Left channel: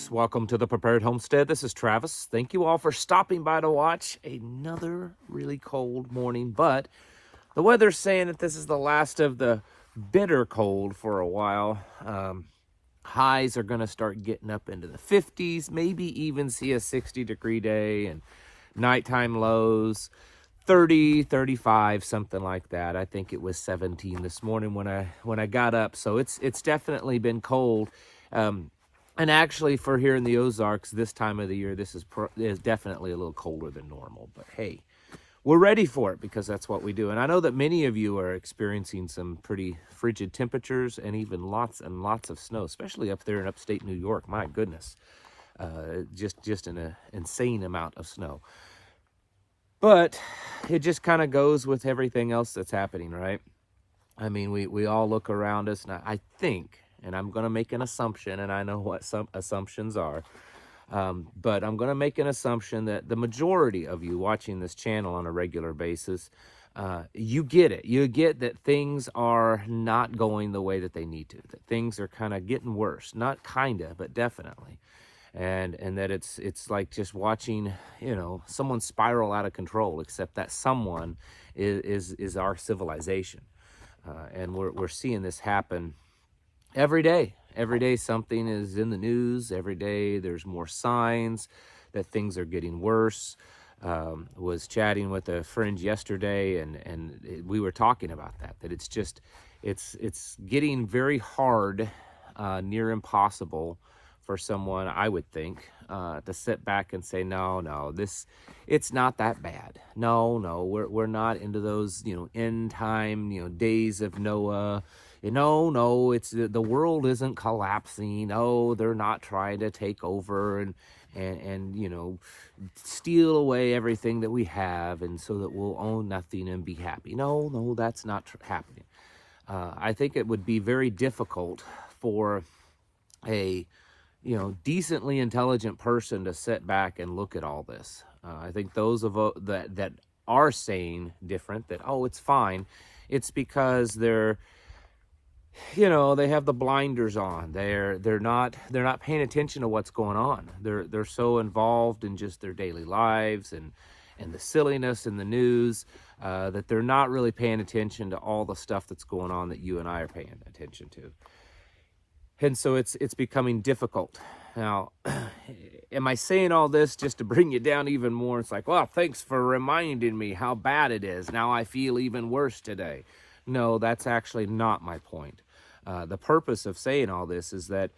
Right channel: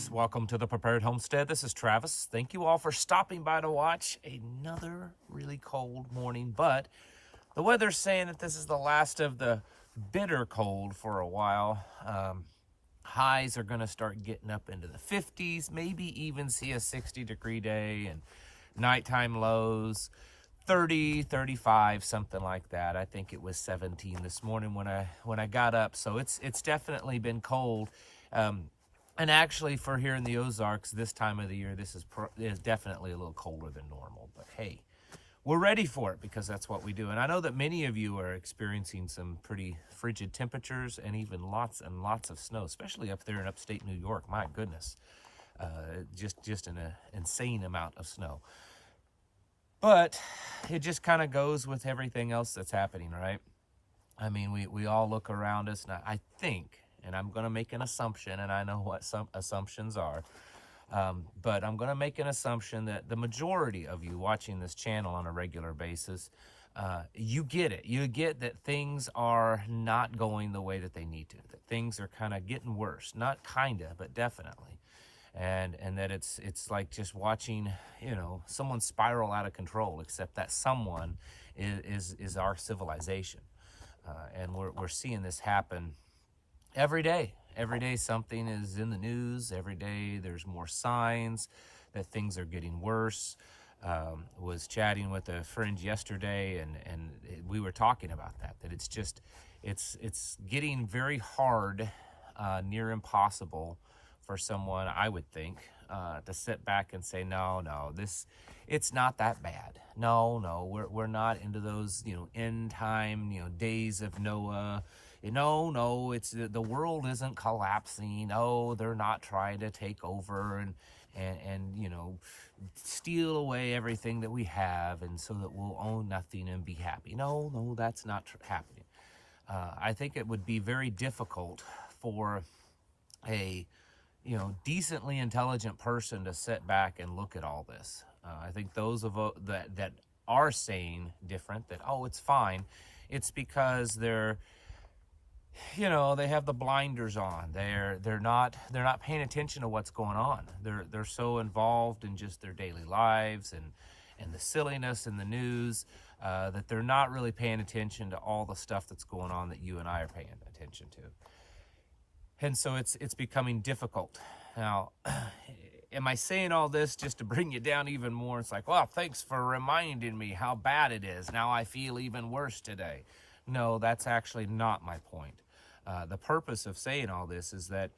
folks. Welcome to the Prepared Homestead. This is Travis. Thank you all for stopping by to watch another really cold morning, but the weather's saying that this is the last of the bitter cold for a while. Highs are going to start getting up into the 50s, maybe even see a 60-degree day, and nighttime lows 30, 35, something like that. I think it was 17 this morning when I got up. So it's definitely been cold. And actually, for here in the Ozarks, this time of the year, this is definitely a little colder than normal. But hey, we're ready for it because that's what we do. And I know that many of you are experiencing some pretty frigid temperatures and even lots and lots of snow, especially up there in upstate New York. My goodness, just an insane amount of snow. But it just kind of goes with everything else that's happening, right? I mean, we all look around us, and I think, and I'm going to make an assumption, and I know what some assumptions are, but I'm going to make an assumption that the majority of you watching this channel on a regular basis, you get it. You get that things are not going the way that they need to, that things are kind of getting worse. Not kind of, but definitely. And that it's like just watching, someone spiral out of control, except that someone is our civilization. And we're seeing this happen every day. Every day something is in the news. Every day there's more signs that things are getting worse. Was chatting with a friend yesterday, and we were talking about that it's getting very hard, near impossible for someone, I would think, to sit back and say, no, it's not that bad. No, we're not into those, end time, days of Noah. No, it's the world isn't collapsing. No, they're not trying to take over and steal away everything that we have, and so that we'll own nothing and be happy. No, that's not happening. I think it would be very difficult for a decently intelligent person to sit back and look at all this. I think those of that are saying different, that it's fine, it's because they have the blinders on. They're not paying attention to what's going on. They're so involved in just their daily lives and the silliness in the news, that they're not really paying attention to all the stuff that's going on that you and I are paying attention to. And so it's becoming difficult. Now, am I saying all this just to bring you down even more? It's like, well, thanks for reminding me how bad it is. Now I feel even worse today. No, that's actually not my point. The purpose of saying all this is that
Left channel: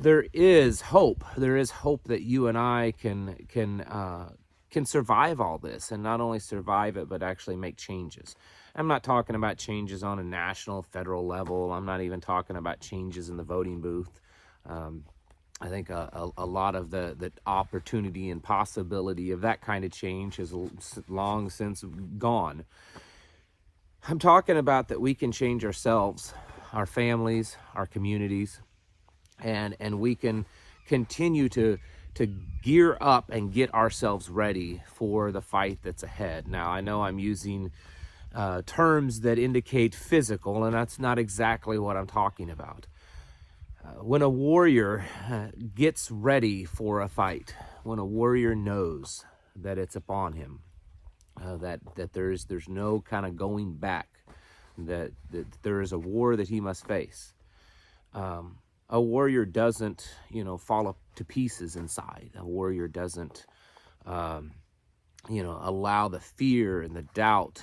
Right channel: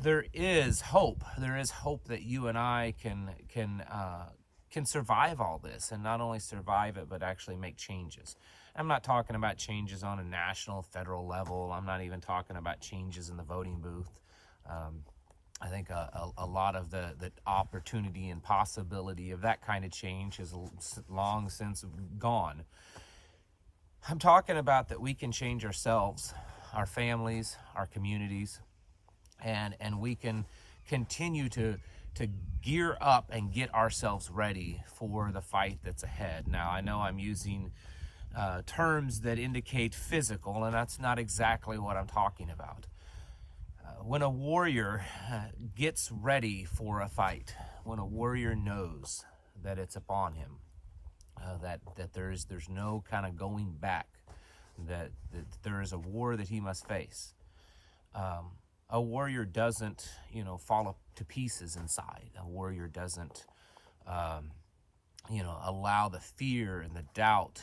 there is hope. There is hope that you and I can survive all this, and not only survive it, but actually make changes. I'm not talking about changes on a national, federal level. I'm not even talking about changes in the voting booth. I think a lot of the opportunity and possibility of that kind of change has long since gone. I'm talking about that we can change ourselves, our families, our communities, and we can continue to gear up and get ourselves ready for the fight that's ahead. Now, I know I'm using terms that indicate physical, and that's not exactly what I'm talking about. When a warrior gets ready for a fight, when a warrior knows that it's upon him, that there's no kind of going back, that there is a war that he must face. A warrior doesn't, fall up to pieces inside. A warrior doesn't, allow the fear and the doubt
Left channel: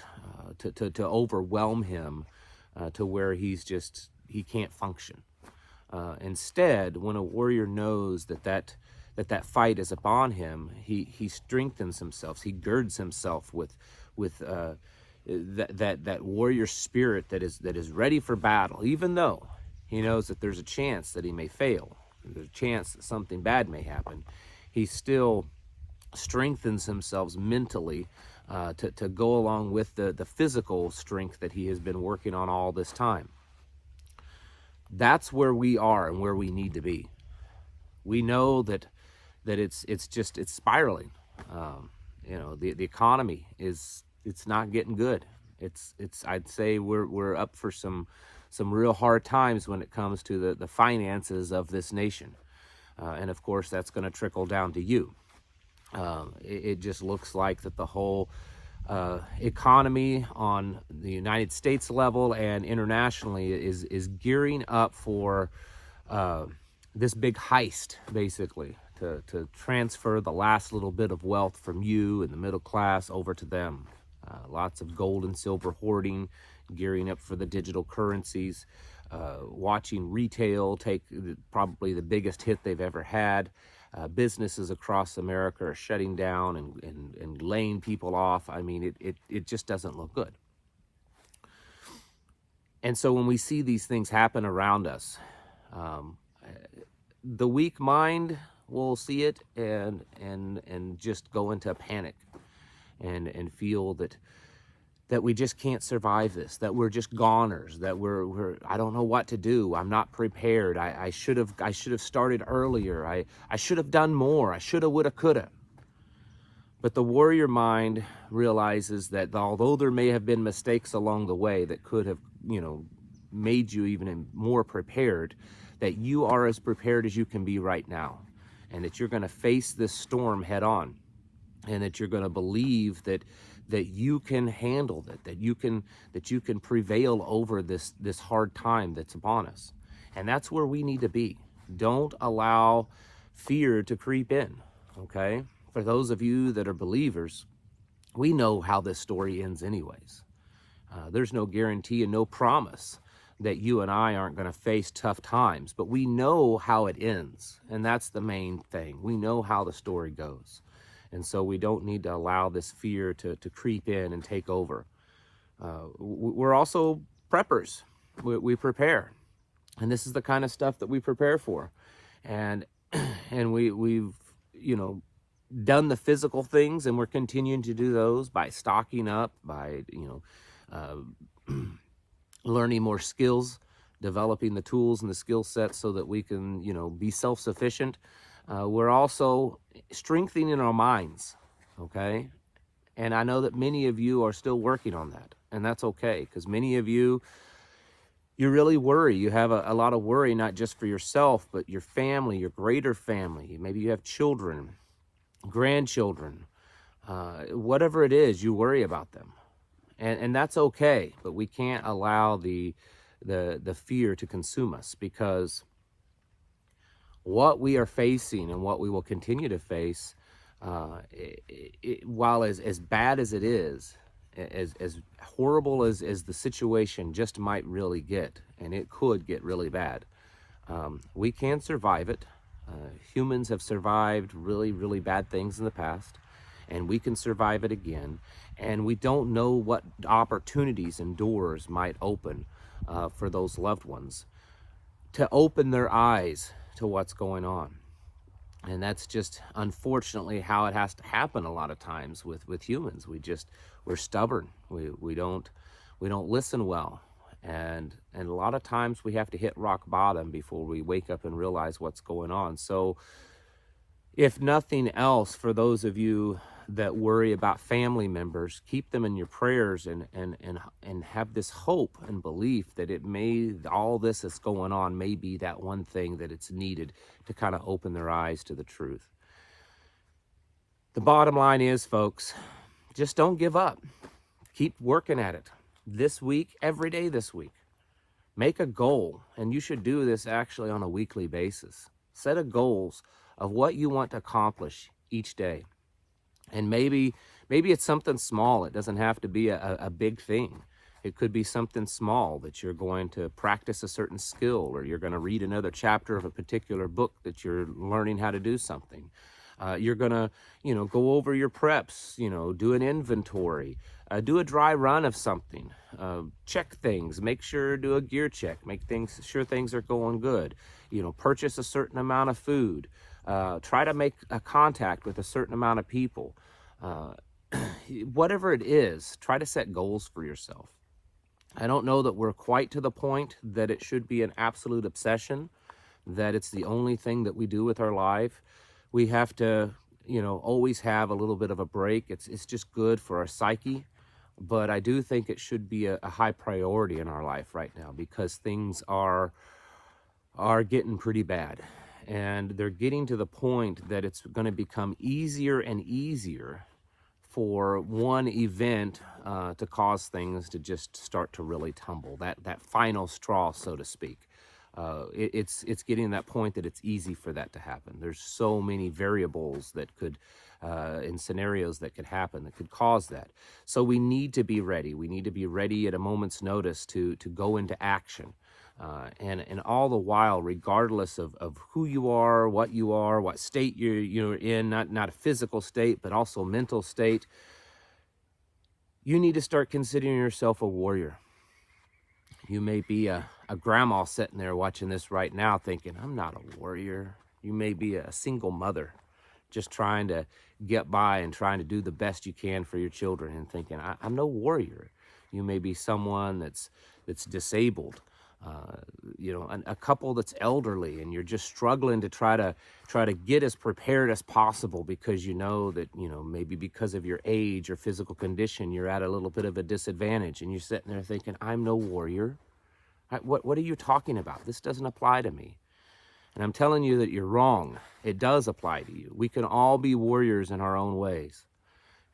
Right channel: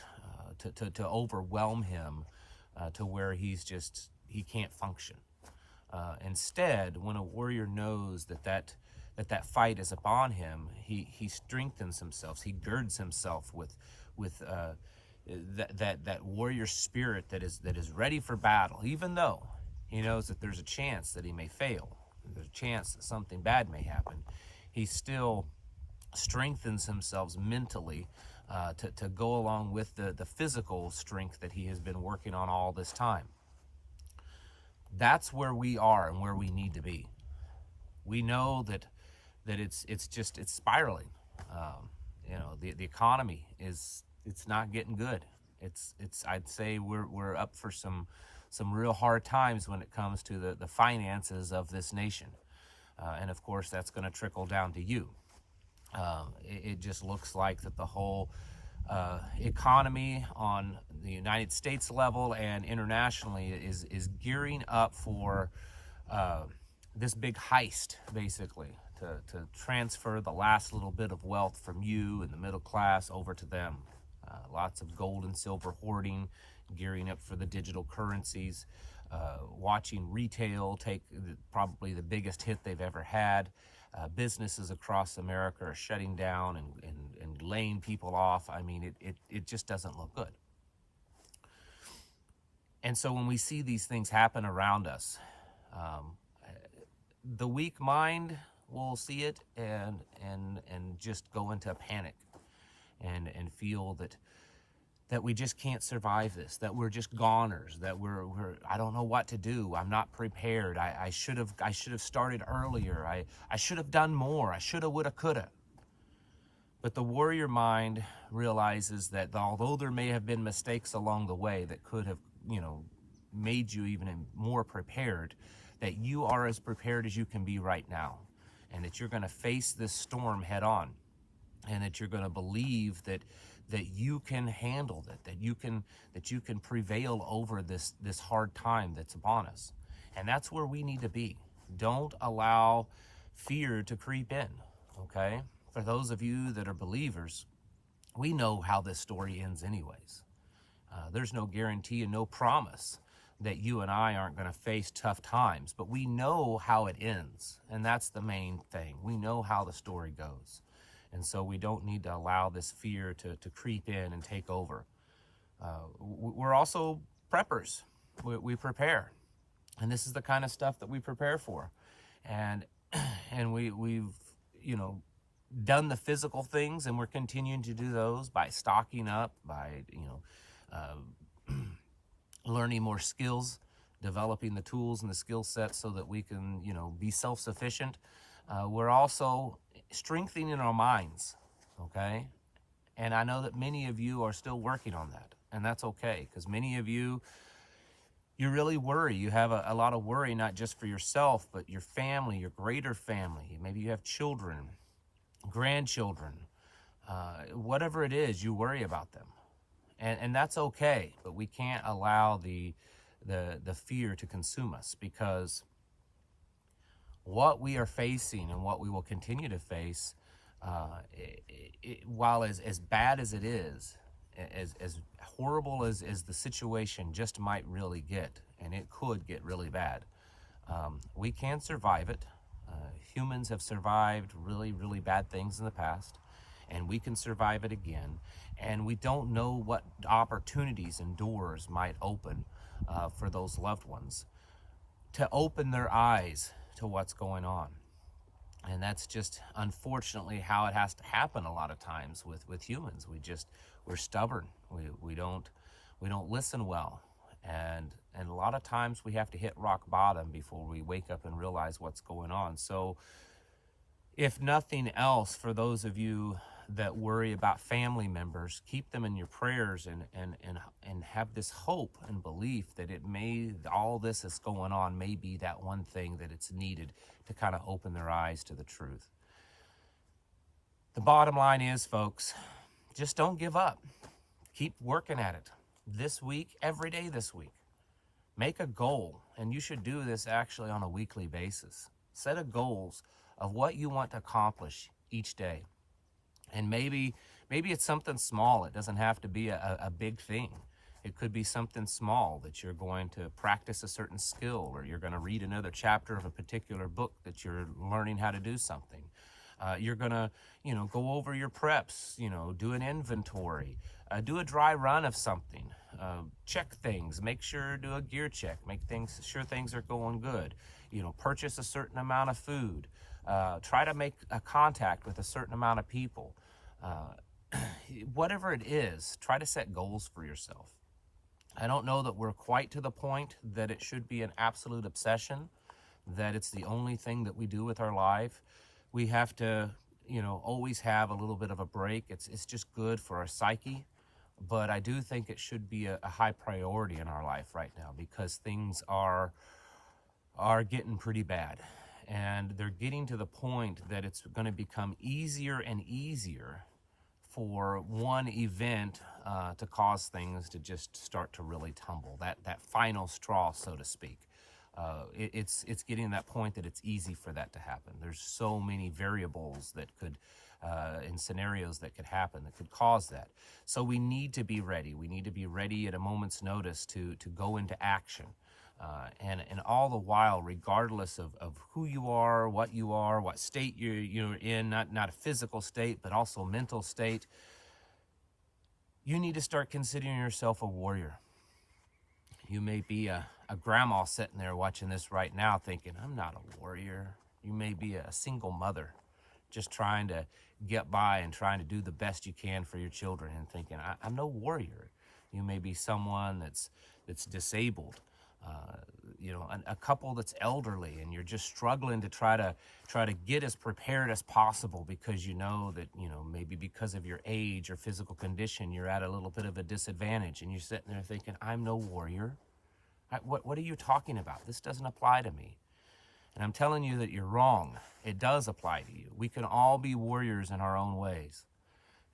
to overwhelm him, to where he can't function. Instead, when a warrior knows that fight is upon him, he strengthens himself. He girds himself with that warrior spirit that is ready for battle, even though he knows that there's a chance that he may fail. There's a chance that something bad may happen. He still strengthens himself mentally, to go along with the physical strength that he has been working on all this time. That's where we are and where we need to be. We know that it's spiraling. The economy it's not getting good. I'd say we're up for some real hard times when it comes to the finances of this nation. And of course, that's going to trickle down to you. It just looks like that the whole economy on the United States level and internationally is gearing up for this big heist, basically, to transfer the last little bit of wealth from you and the middle class over to them. Lots of gold and silver hoarding, gearing up for the digital currencies, watching retail take probably the biggest hit they've ever had. Businesses across America are shutting down and laying people off. I mean, it just doesn't look good. And so when we see these things happen around us, the weak mind will see it and just go into panic and feel that we just can't survive this, that we're just goners, that we're I don't know what to do. I'm not prepared. I should have started earlier. I should have done more. I shoulda, woulda, coulda. But the warrior mind realizes that although there may have been mistakes along the way that could have, made you even more prepared, that you are as prepared as you can be right now, and that you're going to face this storm head on, and that you're going to believe that you can handle it, that you can prevail over this hard time that's upon us. And that's where we need to be. Don't allow fear to creep in, okay? For those of you that are believers, we know how this story ends anyways. There's no guarantee and no promise that you and I aren't going to face tough times, but we know how it ends, and that's the main thing. We know how the story goes. And so we don't need to allow this fear to creep in and take over. We're also preppers. We prepare. And this is the kind of stuff that we prepare for. And we've, done the physical things, and we're continuing to do those by stocking up, by, learning more skills, developing the tools and the skill sets so that we can, be self-sufficient. We're also strengthening our minds, okay? And I know that many of you are still working on that, and that's okay, because many of you really worry. You have a lot of worry, not just for yourself, but your family, your greater family. Maybe you have children, grandchildren, whatever it is, you worry about them. And that's okay, but we can't allow the fear to consume us, because what we are facing and what we will continue to face, while as bad as it is, as horrible as the situation just might really get, and it could get really bad, we can survive it. Humans have survived really, really bad things in the past, and we can survive it again. And we don't know what opportunities and doors might open for those loved ones to open their eyes to what's going on. And that's just unfortunately how it has to happen a lot of times with humans. We're stubborn. We don't listen well. And a lot of times we have to hit rock bottom before we wake up and realize what's going on. So if nothing else, for those of you that worry about family members, keep them in your prayers and have this hope and belief that all this that's going on may be that one thing that it's needed to kind of open their eyes to the truth. The bottom line is, folks, just don't give up. Keep working at it. This week, every day this week. Make a goal, and you should do this actually on a weekly basis. Set a goals of what you want to accomplish each day. And maybe it's something small. It doesn't have to be a big thing. It could be something small, that you're going to practice a certain skill, or you're going to read another chapter of a particular book that you're learning how to do something. You're going to, go over your preps, do an inventory, do a dry run of something, check things, make sure, do a gear check, make sure things are going good, purchase a certain amount of food. Try to make a contact with a certain amount of people. Whatever it is, try to set goals for yourself. I don't know that we're quite to the point that it should be an absolute obsession, that it's the only thing that we do with our life. We have to, always have a little bit of a break. It's just good for our psyche. But I do think it should be a high priority in our life right now, because things are getting pretty bad. And they're getting to the point that it's going to become easier and easier for one event to cause things to just start to really tumble. That final straw, so to speak. It's getting to that point that it's easy for that to happen. There's so many variables that could, in scenarios that could happen that could cause that. So we need to be ready. We need to be ready at a moment's notice to go into action. And all the while, regardless of who you are, what state you're in, not a physical state, but also mental state, you need to start considering yourself a warrior. You may be a grandma sitting there watching this right now thinking, I'm not a warrior. You may be a single mother just trying to get by and trying to do the best you can for your children and thinking, I'm no warrior. You may be someone that's disabled, a couple that's elderly, and you're just struggling to try to get as prepared as possible because you know that, maybe because of your age or physical condition, you're at a little bit of a disadvantage, and you're sitting there thinking, I'm no warrior. What are you talking about? This doesn't apply to me. And I'm telling you that you're wrong. It does apply to you. We can all be warriors in our own ways.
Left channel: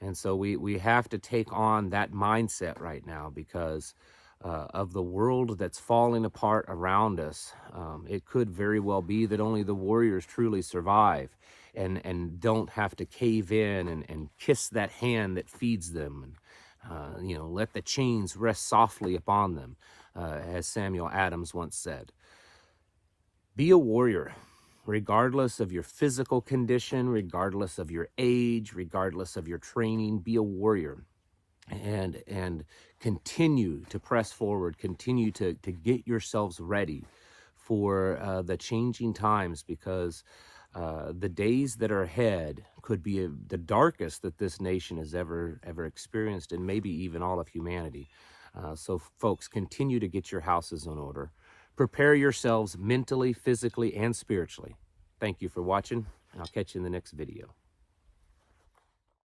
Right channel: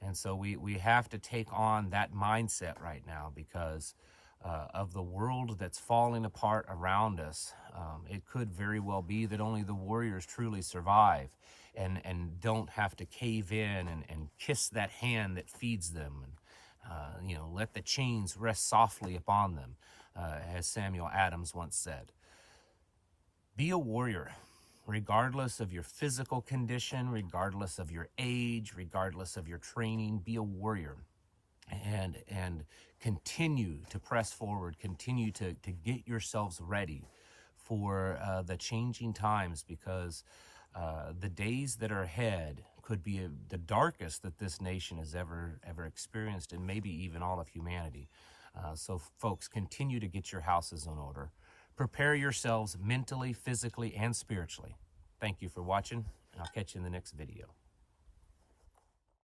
And so we have to take on that mindset right now because of the world that's falling apart around us. It could very well be that only the warriors truly survive and don't have to cave in and kiss that hand that feeds them. And, let the chains rest softly upon them, as Samuel Adams once said. Be a warrior, regardless of your physical condition, regardless of your age, regardless of your training. Be a warrior and continue to press forward, continue to get yourselves ready for the changing times, because the days that are ahead could be the darkest that this nation has ever experienced, and maybe even all of humanity. So folks, continue to get your houses in order. Prepare yourselves mentally, physically, and spiritually. Thank you for watching, and I'll catch you in the next video.